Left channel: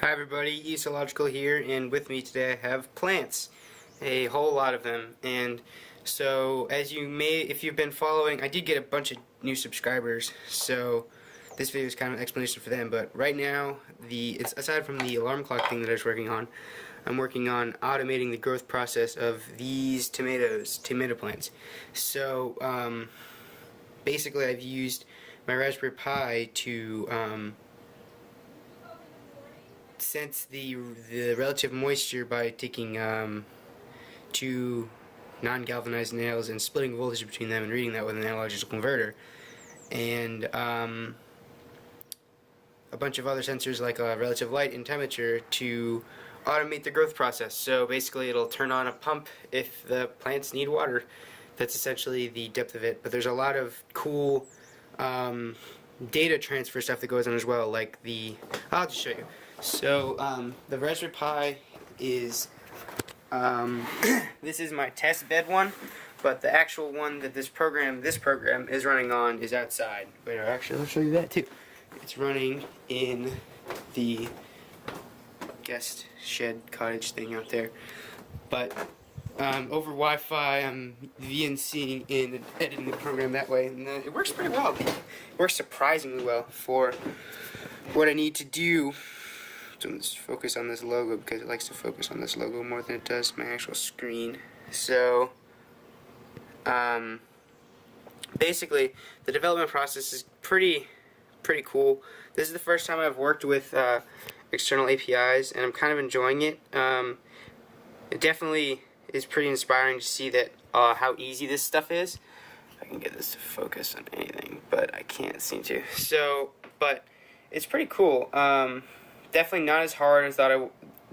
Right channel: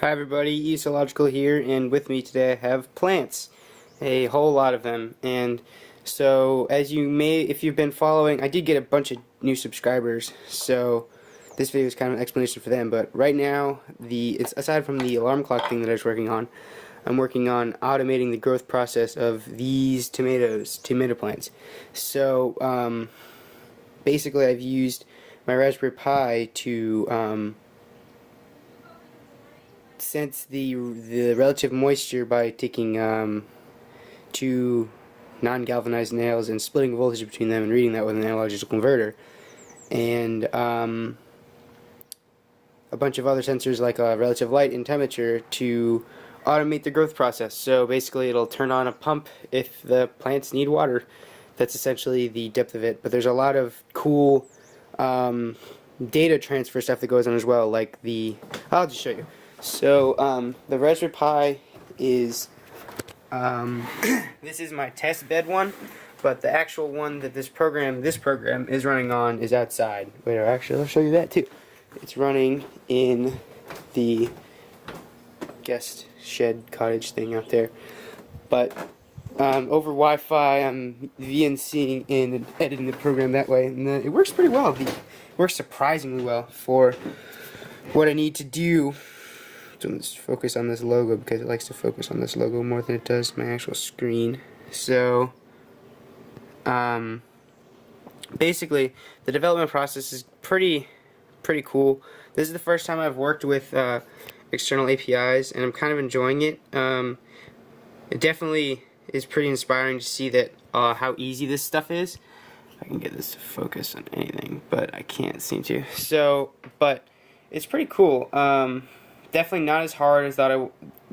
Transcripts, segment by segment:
Hi everybody, Ecological here, and with me today I have plants, a whole lot of them. And so, as you may, if you've been following, I did get a bunch of new subscribers, so this video is kind of an explanation for them. But right now, it's aside from the alarm clock thing that I was working on, I'm working on automating the growth process of these tomato plants. So basically, I've used my Raspberry Pi to sense the relative moisture by taking two non-galvanized nails and splitting voltage between them and reading that with an analog digital converter, and a bunch of other sensors like relative light and temperature to automate the growth process. So basically it'll turn on a pump if the plants need water. That's essentially the depth of it, but there's a lot of cool data transfer stuff that goes on as well, like I'll just show you. So the Raspberry Pi is this is my test bed one, but the actual one that this program is running on is outside. Wait, actually, I'll show you that too. It's running in the guest shed cottage thing out there, but over Wi-Fi I'm VNCing in and editing the program that way, and it works pretty well. It works surprisingly well for what I need to do. So let's focus on this logo because it likes to focus on this logo more than it does my actual screen. So basically the development process is pretty cool. This is the first time I've worked with external APIs, and I'm kind of enjoying it. It definitely is pretty inspiring to see that how easy this stuff is. I can get this to focus on anything, but I can't seem to. So, but it's pretty cool. Definitely not as hard as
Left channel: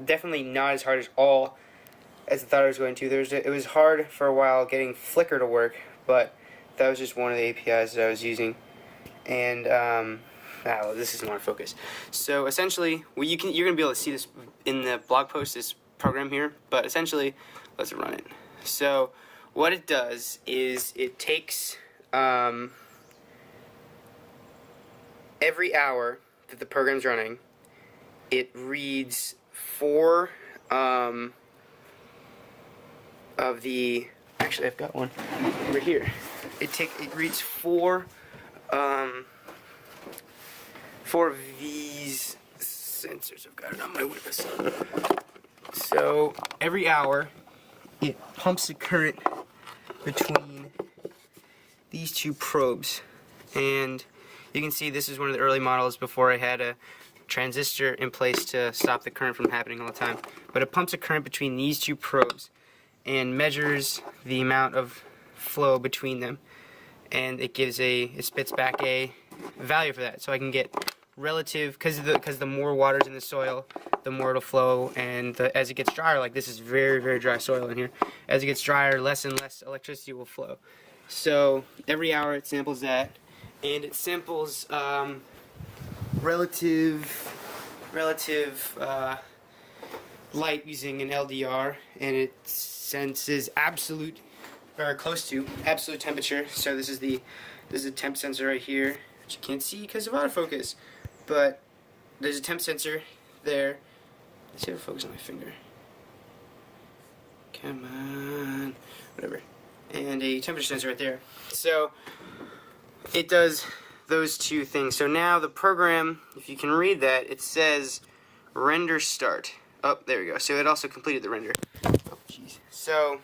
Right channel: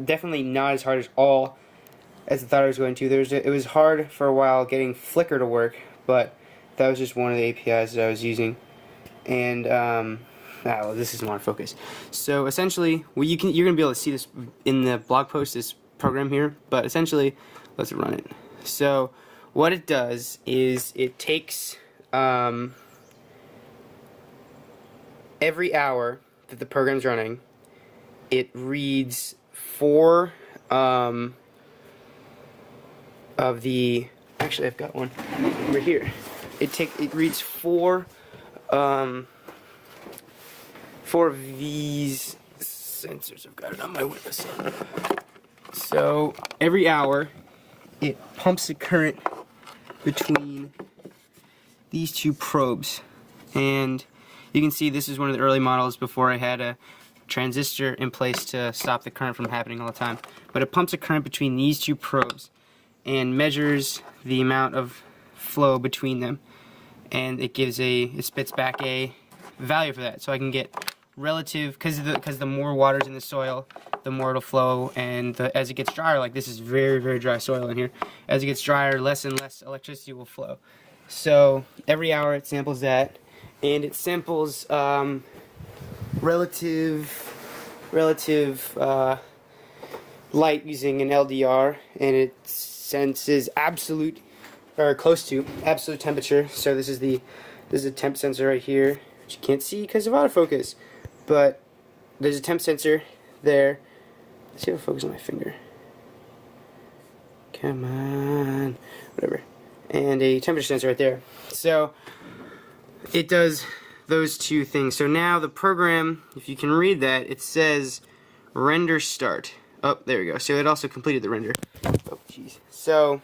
definitely not as hard as I thought I was going to. It was hard for a while getting Flickr to work, but that was just one of the APIs that I was using. And well, this is more focus. So essentially, you're gonna be able to see this in the blog post, this program here. But essentially, let's run it. So what it does is it takes every hour that the program's running, it reads four of the. Actually, I've got one right here. It reads four of these sensors. I've got it on my witness. So every hour, it pumps a current between these two probes, and you can see this is one of the early models before I had a transistor in place to stop the current from happening all the time. But it pumps a current between these two probes and measures the amount of flow between them, and it spits back a value for that. So I can get relative, because the more water's in the soil, the more it'll flow, and as it gets drier, like this is very dry soil in here, as it gets drier, less and less electricity will flow. So every hour it samples that, and it samples relative light using an LDR, and it senses absolute, or close to absolute temperature. So this is a temp sensor right here, which you can't see because of autofocus, but there's a temp sensor there. Let's see if it'll focus on my finger. Come on, whatever. And a temperature sensor right there. So it does those two things. So now the program, if you can read that, it says render start. Oh, there we go. So it also completed the render. Oh, jeez. So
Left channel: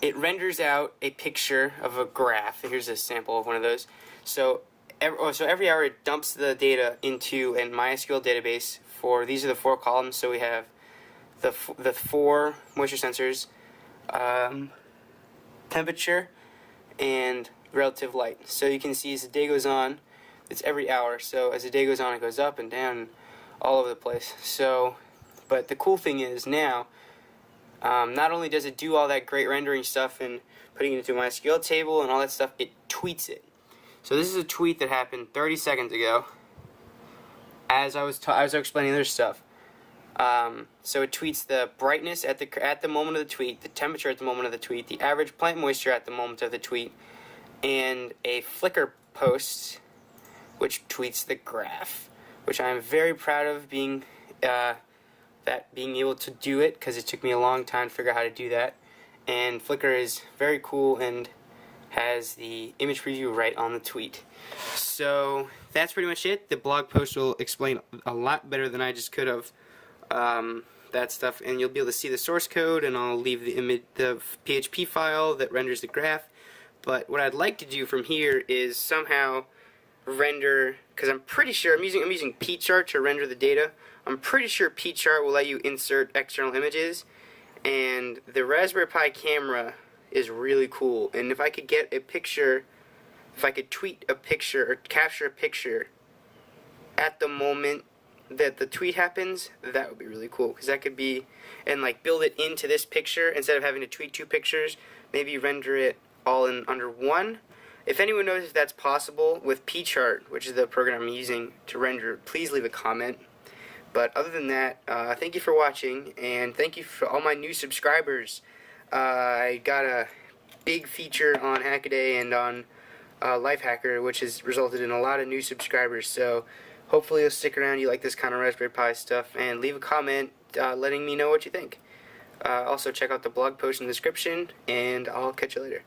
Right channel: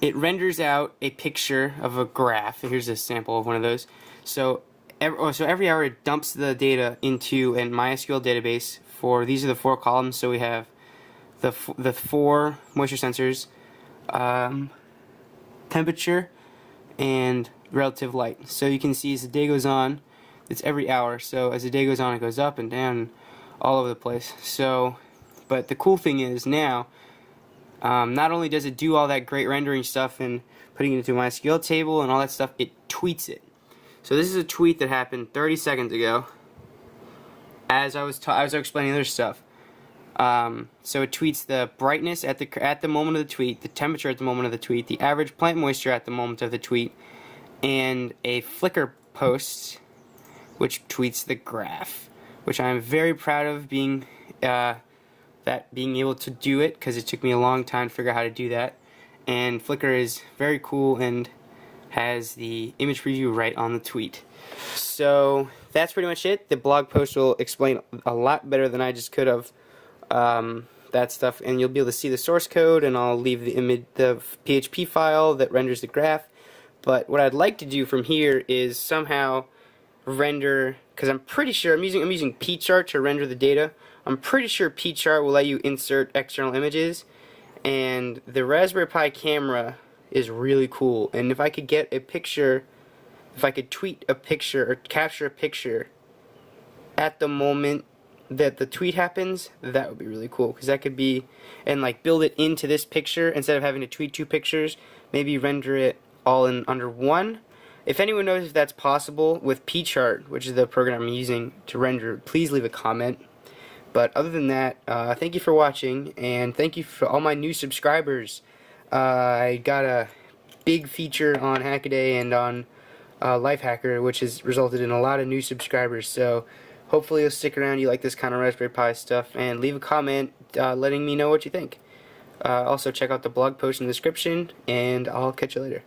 it renders out a picture of a graph. Here's a sample of one of those. So every hour it dumps the data into a MySQL database for, these are the four columns. So we have the four moisture sensors, temperature, and relative light. So you can see as the day goes on, it's every hour. So as the day goes on, it goes up and down all over the place. So, but the cool thing is now, not only does it do all that great rendering stuff and putting it into a MySQL table and all that stuff, it tweets it. So this is a tweet that happened 30 seconds ago as I was explaining other stuff. So it tweets the brightness at the moment of the tweet, the temperature at the moment of the tweet, the average plant moisture at the moment of the tweet, and a Flickr post which tweets the graph. which I'm very proud of being able to do it, because it took me a long time to figure out how to do that. And Flickr is very cool and has the image preview right on the tweet. So that's pretty much it. The blog post will explain a lot better than I just could have that stuff, and you'll be able to see the source code, and I'll leave the PHP file that renders the graph. But what I'd like to do from here is somehow render, because I'm pretty sure I'm using pchart to render the data. I'm pretty sure pchart will let you insert external images, and the Raspberry Pi camera is really cool. And if I could get a picture, if I could tweet a picture or capture a picture at the moment that the tweet happens, that would be really cool, because that could be, and like build it into this picture instead of having to tweet two pictures, maybe render it all in under one. If anyone knows if that's possible with pchart, which is the program I'm using to render, please leave a comment. But other than that, thank you for watching, and thank you for all my new subscribers. I got a big feature on Hackaday and on Lifehacker, which has resulted in a lot of new subscribers. So hopefully you'll stick around, you like this kind of Raspberry Pi stuff, and leave a comment letting me know what you think. Also check out the blog post in the description, and I'll catch you later.